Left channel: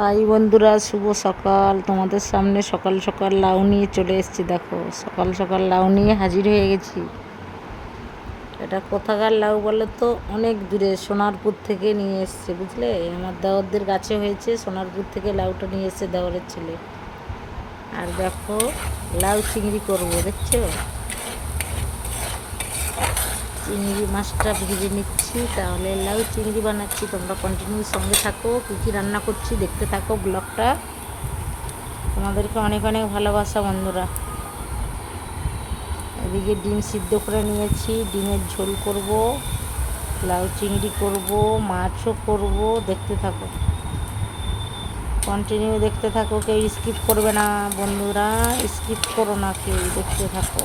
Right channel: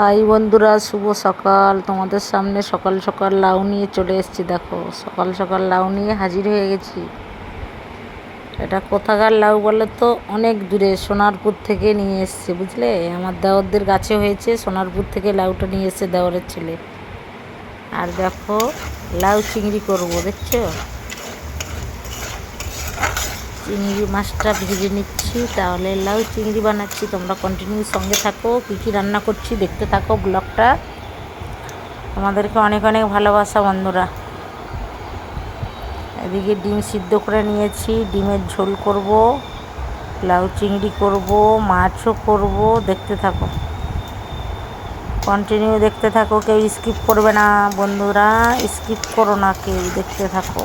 High বন্ধুরা, শুভ সকাল। তোমাদের সামনে সকাল সকাল লাউ নিয়ে চলে এসেছি, দেখো। সকাল সকাল লাউ নিয়ে হাজির হয়ে গেছি। এটা কোথাকার লাউ বলে তো? অনেক দূরে, সোনারপুর থেকে নিয়ে এসছে, বুঝলে? আমার দেওরদের গাছে হয়েছে, সোনারপুর থেকে লাউটা নিয়ে এসছে দেওরের ছেলে। আর দেখো, লাউ চিংড়ি করব, দেখছ? চিংড়ি মাছটা ভেজে নিচ্ছি, তাহলে লাউ চিংড়ি বানাচ্ছি। তোমরা কন্টিনিউ সঙ্গে থাকো, কী কী রান্না করছি দেখতে থাকো ব্লগটা। তোমাদেরকে অনেক অনেক ভালোবাসা বন্ধুরা। এদিকে ডিম সিদ্ধ করে নিয়েছি, ডিমের ঝোল করব, লাউ চিংড়ি করব, মাছও করব, দেখতে থাকো। কন্টিনিউ দেখতে থাকো, কেউ স্কিপ করবে না বন্ধুরা স্কিপ করো না, কেউ দেখতে থাকো।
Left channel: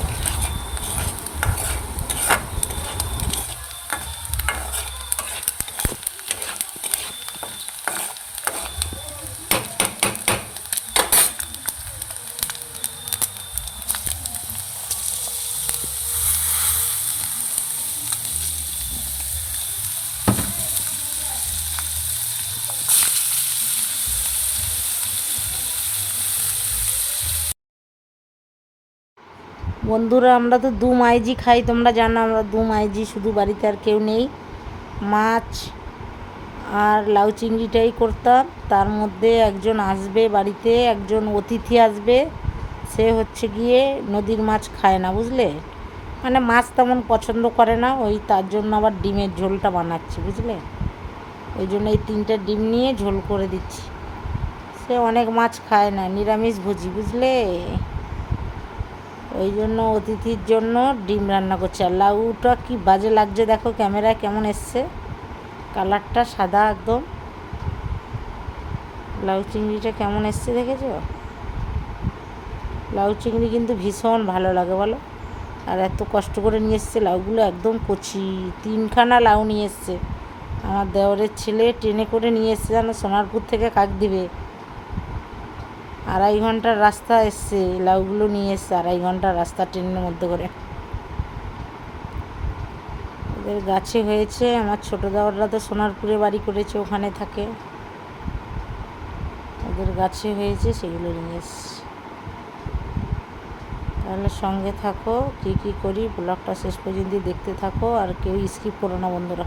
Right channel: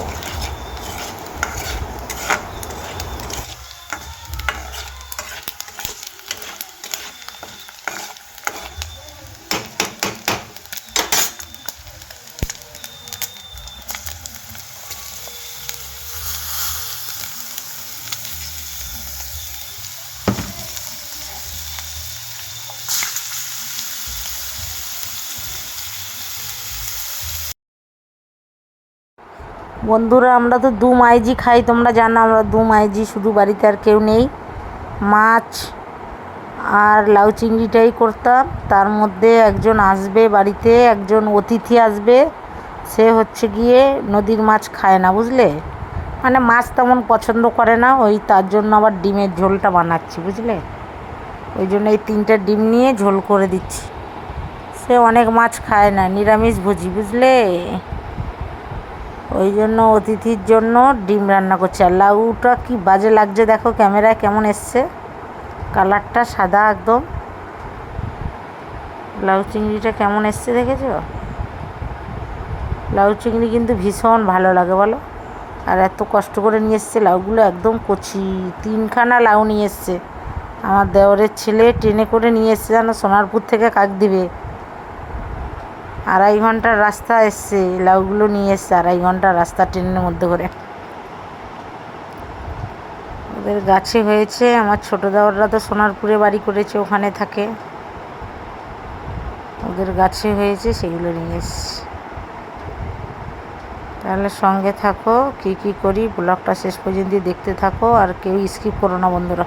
বন্ধুরা, আমরা তো দু মাইজি খাই, তোমরা জানো আমরা দু মাইজি শুধু বাড়িতে আর কেউ নেই। মাছ আর লাউ চিংড়িটাই করতাম। তার মধ্যে একজন আসবে বাড়িতে, একজন অতিথি আসবে। সে হচ্ছে গিয়ে নদীর মাছ খায় না, বুঝলে? মানে মাছ তেমন পছন্দ করে না, ওই তার জন্য আবার ডিমের ঝোলটা বানাচ্ছি, বুঝলে? ওই জন্য এই তিনটা ডিম নিয়ে ঝোল করে দিচ্ছি। সে অনেক মাছ খায় না নিরামিষ ভোজি বুঝলে? ওই জন্য অতিথির জন্য ডিম রান্না করছি। আর লাউটা কি বাজে লাগছে দেখো ক্যামেরায় কেমন এসছে। কালারটা সাদা একদম। লাউ চিংড়িটা কেমন এসছে দেখেছ? লাউ চিংড়ি কিন্তু ভীষণ ভালো লাগে বলো। আর এত কষ্ট করে নিয়ে এসছে লাউগুলো একদম কচি। তিনখানা লাউ নিয়ে এসছে। আমার দেওরের ছেলে ট্রেনে করে নিয়ে এসছে যেন সোনারপুর থেকে কাক দিবে। আড়াই ঘণ্টার রাস্তা এসছে লাউগুলো নিয়ে এসছে, আড়াই ঘণ্টার রাস্তা ট্রেনের মধ্যে করে। ওদের গাছে হয়েছে, আমার ছোটো দেওয়াররা তো সোনারপুরে বাড়ি করেছে, ওখানে থাকে। ওদের গাছে হয়েছে, সেগুলো নিয়ে এসছে। তাহলে সঙ্গে থাকো, কি কি করি, ব্লগটা শেষ পর্যন্ত দেখতে থাকো, আর কেউ স্কিপ করো না বন্ধুরা।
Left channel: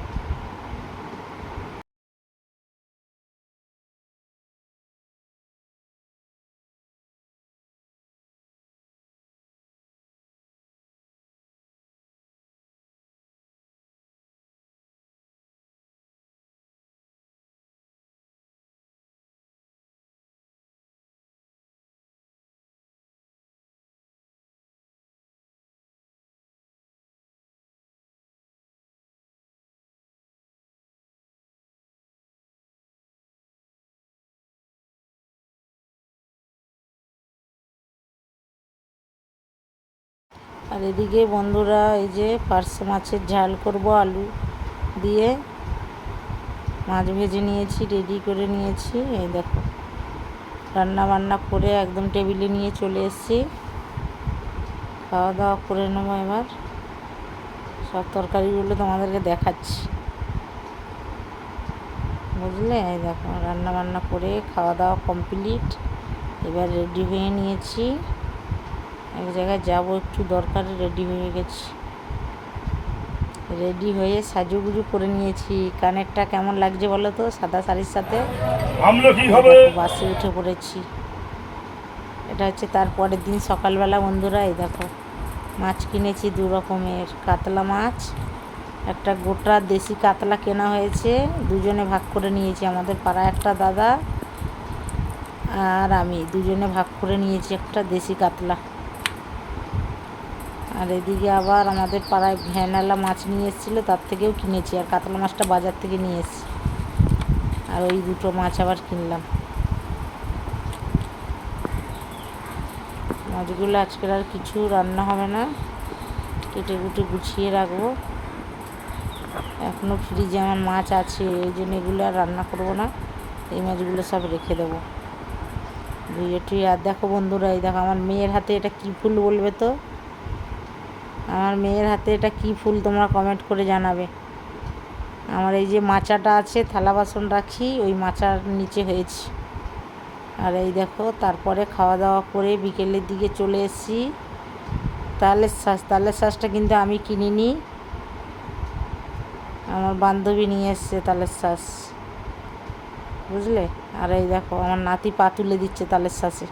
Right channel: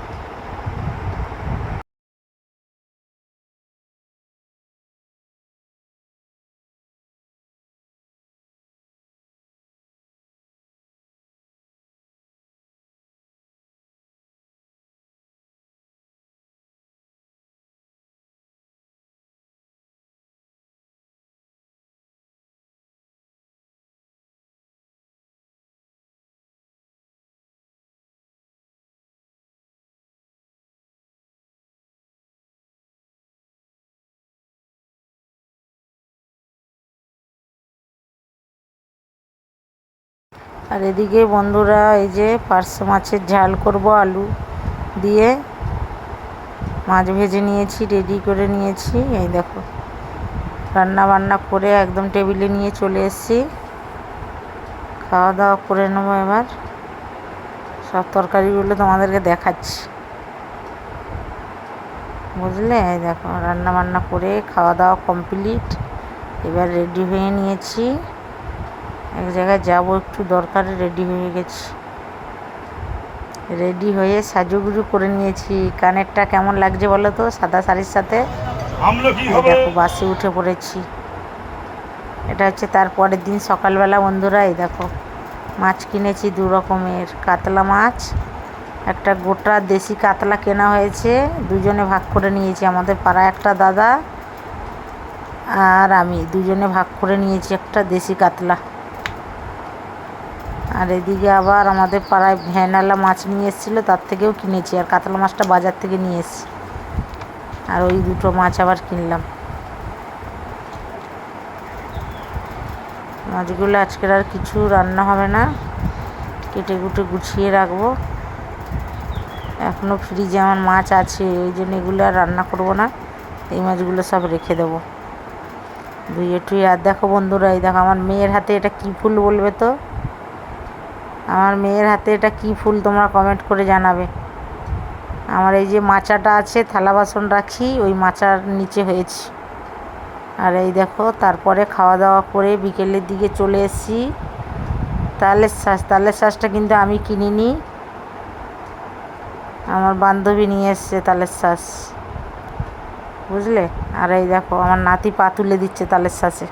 আর এদিকে বন্ধুরা এই যে পার্শে মাছের ঝাল করব, আলু দিয়ে। মাছ ভেজে নিয়েছি রেডি করে নিয়েছি। এই দেখো রান্না বান্না করে একদম টেবিলে নিয়ে চলে এসেছি। খাওয়া দাওয়া করে নেব এবার। সব তরকারিগুলো তোমাদেরকে দেখাচ্ছি। বুঝলে? এই দেখো রান্না বান্না করে খাওয়া দাওয়া কমপ্লিট। এবার রেডি হয়ে নিয়েছি। এক জায়গায় যাব একটু দরকারে রেডি হয়ে গেছি। রেডি হয়ে সাজুগুজু করে নিয়েছি। কানেরটা কেমন লাগছে বলো তো? সাদা শাড়ির সাথে? দেখো বাসে উঠে পড়েছি। এটা হচ্ছে তার পরের দিন সকালবেলা বন্ধুরা এই দেখো। মাছ কিনেছি দু রকমের। কাতলা মাছ একটা গোটা দেশি কাতলা কেনা হয়েছে। দুজনে ভাগ করে নিয়েছি আমাদের পাড়া একটা দাদা আর আমি। দুজনে ভাগ করে নিয়েছি একটা দেশি কাতলা। আর এদিকে আবার আমাদের পাড়ায় ভ্যানালা মাছ নিয়ে এসেছিল, তার থেকেও কিনেছি আর কাতলা মাছটা বাজার থেকে নিয়ে এসেছি। আর ওই দুটো মাছ আবার কিনলাম। মাছগুলো আজকের আর কিছু রান্না হবে না। কেটে কুটে গুছিয়ে রাখব। এখনও ফ্রিজে আমার মাছ আছে, ওই জন্য এগুলো আর রান্না করব না। এই মাছগুলো সব রেখে দেবো। ধুয়ে টুয়ে, আর দেখো বন্ধুরা, এই দেখো আমার মেয়ের হাতে এটা কী ফুল বলবে তো? আমার মেয়ের হাতে এটা কী ফুল তোমরা কমেন্ট করে জানাবে। আমার এই যে মাচাটা আছে, থালা বাসন রাখি ওই মাচার নিচে হয়েছে। আর এই দেখো, তারপরে খাওয়া দাওয়া করে বিকেলের দিকে চলে এসেছি। তালের শ্বাস তালের শ্বাসটা কিন্তু আমি কিনিনি। আমার বান্ধবী নিয়ে এসছে তালের শ্বাস বুঝলে? আর এই দেখো, আমার নাতি পা তুলে দিচ্ছে তালের শ্বাসে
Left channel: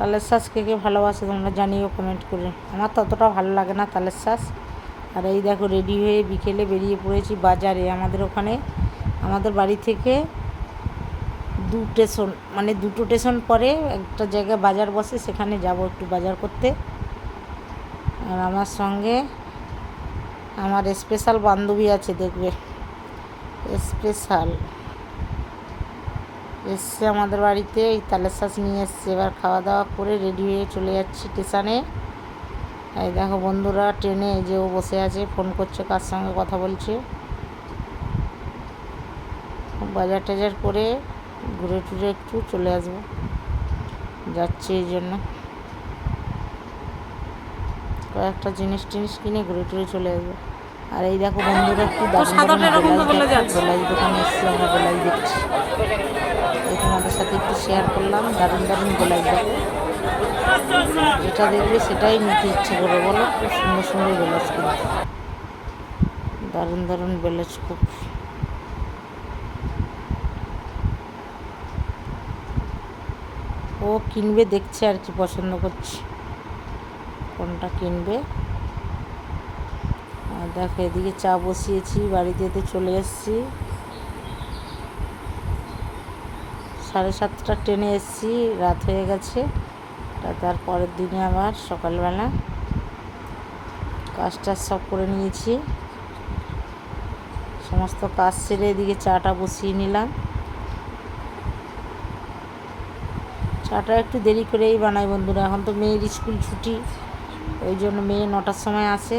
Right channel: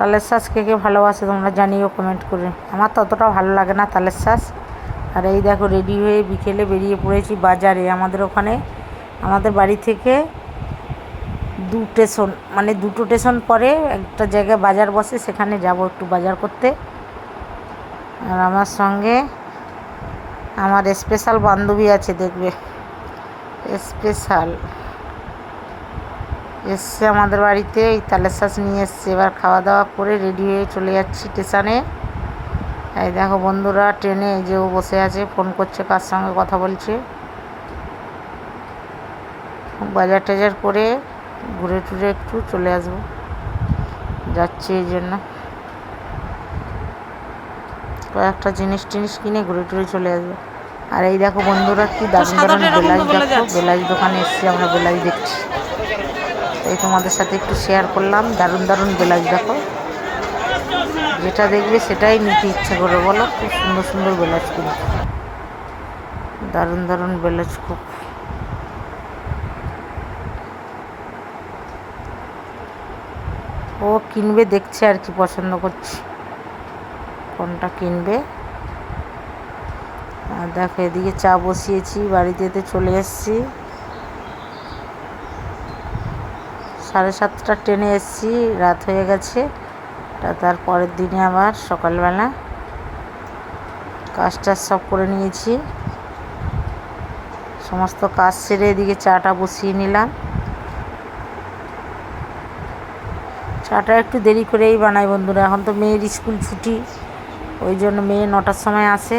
তালের শ্বাস কে কে ভালোবাসে তোমরা জানিও কমেন্ট করে। আমার ততটা ভালো লাগে না তালের শ্বাস আর এই দেখো রেডি হয়ে বিকেলে বেরিয়ে পড়েছি বাজারে। আমাদের ওখানে, আমাদের বাড়ি থেকে দু স্টেশন মানে দুটো স্টেশন পরে একটা জায়গায় বাজার বসে, সেখানে যাব একটু বাজার করতে। আর আমার সঙ্গে আমার স্পেশাল বান্ধবী আছে, দেখবে। স্পেশাল এসছে আমাদের বাড়িতে ওই তালের শ্বাস নিয়ে এসছে। এবার খাওয়া দাওয়া করে রেডি হয়ে চলে যাচ্ছি স্টেশনে এই দেখো বন্ধুরা ট্রেনে এই যে ও বসে আছে ফোন করছে কার সঙ্গে কথা বলছে। বাজার টাজার করে ঘুরে টুরে একটু চলে আসব। যাচ্ছি এই জন্য। কয়েকটা জিনিস টিনিস কিনে ঘুরে টুরে চলে আসব। আর এই দেখো বন্ধুরা কি দারুণ দারুণ বেলাজ দেখো বেলাজ দোকানে এসেছি আমরা বেলাজ দেখছি। এই তোমাদের সাথে একটু শেয়ার করলাম। দারুণ দারুণ ব্লাউজ দেখো। যেটা দেখবে সেটাই নিতে ইচ্ছে করে বলো। খুব সুন্দর সুন্দর ব্লাউজ কিনে দারুণ দারুণ ব্লাউজ খুব। ও কিনবে, দেখছে আর কি পছন্দ করছে। কোনটা কিনবে? আর দেখো, এদিকে চা বসিয়েছি, বাড়িতে চলে এসেছি। সাড়ে সাতটা ট্রেনে এসেছি, রাত হয়ে গেছে। তার পরের দিনে আবার সকালবেলা কাজ টাজ সব করে নিয়েছি। সমস্ত কাজ সেরে এদিকে চাটা বসিয়ে নিলাম। চাটা একটু দেরি করেই বানাই বন্ধুরা, এখন তো মেয়ের স্কুল ছুটি, ওই জন্য মেয়ে নটার সময় আসে।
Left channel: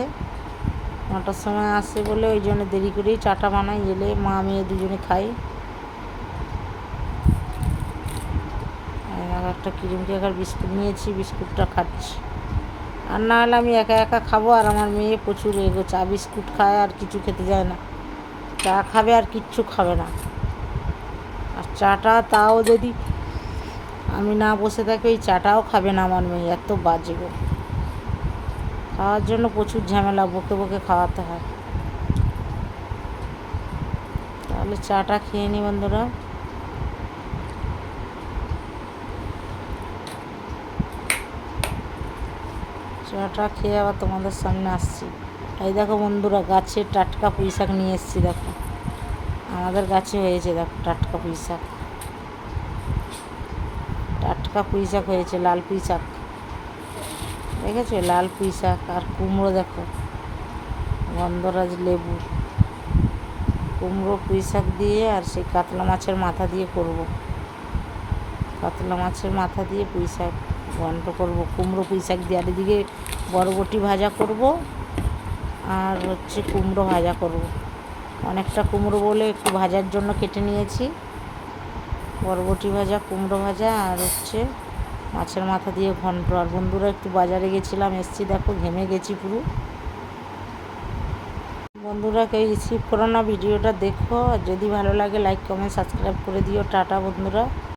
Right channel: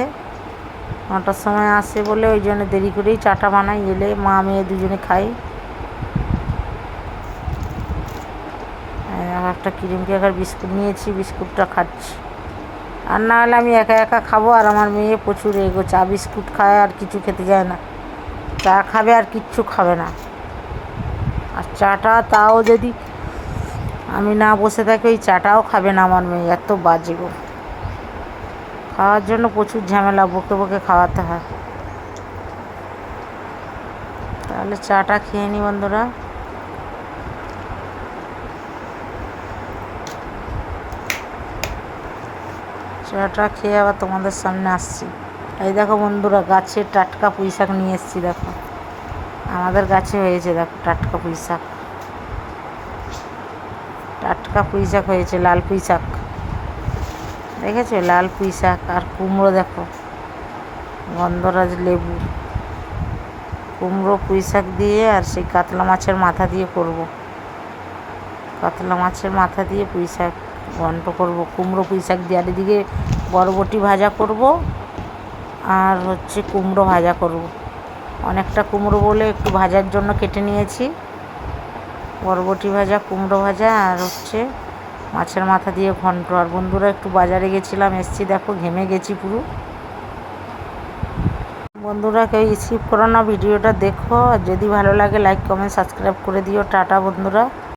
নটার সময় আসে বলে ওই জন্য দেরি করেই চাটা বানাই, এলে মা মেয়ে দুজনে খাই আবার একটা ক্রিম কেকার বিস্কুট নিয়েছি, বিস্কুটটা খাচ্ছি। আর না হলে আমি একা একা খাব আর আমার মেয়ে প্রচুর এগো, চা, বিস্কুট খায় আর কিছু খেতে যায় না। চা খাবে আর কিচ্ছু খাবে না। আর চাটা তাও যদি আমি না বসে থাকি, ওই চাটাও খাবে না আমার মেয়ে, এত বাজে গো। খাওয়ার জন্য প্রচুর ঝামেলা, বকে বকে খাওয়াতে হয়। তাহলে চাটা খেয়ে নি বন্ধুরা। চাটা খেয়ে আবার তোমাদের সামনে আসছি। এই দেখো বন্ধুরা, গাছে টাটকা পুঁই শাক নিয়ে এসেছি, দেখো। আমাদের গাছে হয়েছে, দেখো, টাটকা পুঁই শাক টাটকা পুঁই শাক হয়েছে, লাল পুঁই শাক দেখেছ? লাল পুঁই শাক আর কুমড়ো, দেখো। গন্ধরাজ লেবু। কুমড়ো পুঁই শাক দিয়ে আর সেই কাতলা মাছের মাথা দিয়ে করব। কাতলা মাছের মাথা দিয়ে পুঁই শাক ঘন্ট করব, কুমড়ো পুঁই শাক দিয়ে আর এদিকে বরবটি ভাজা করব আর হচ্ছে কুমড়ো ভাজা করব। অনেকটা কুমড়ো বলে একটু ভাজার জন্য কেটে নিয়েছি। বরবটি ভাজা, কুমড়ো ভাজা আর হচ্ছে মাছের মাথা দিয়ে ঘন্ট। আর বন্ধুরা একটু বাজারে গেছিলাম, এসছি দেখো ঘেমে গেছি পুরো। বন্ধুরা কেউ স্কিপ করো না, ভিডিওটা দেখো। আর যদি ভালো লাগে লাইক কমেন্ট সাবস্ক্রাইব করে দিও। টাটা বন্ধুরা।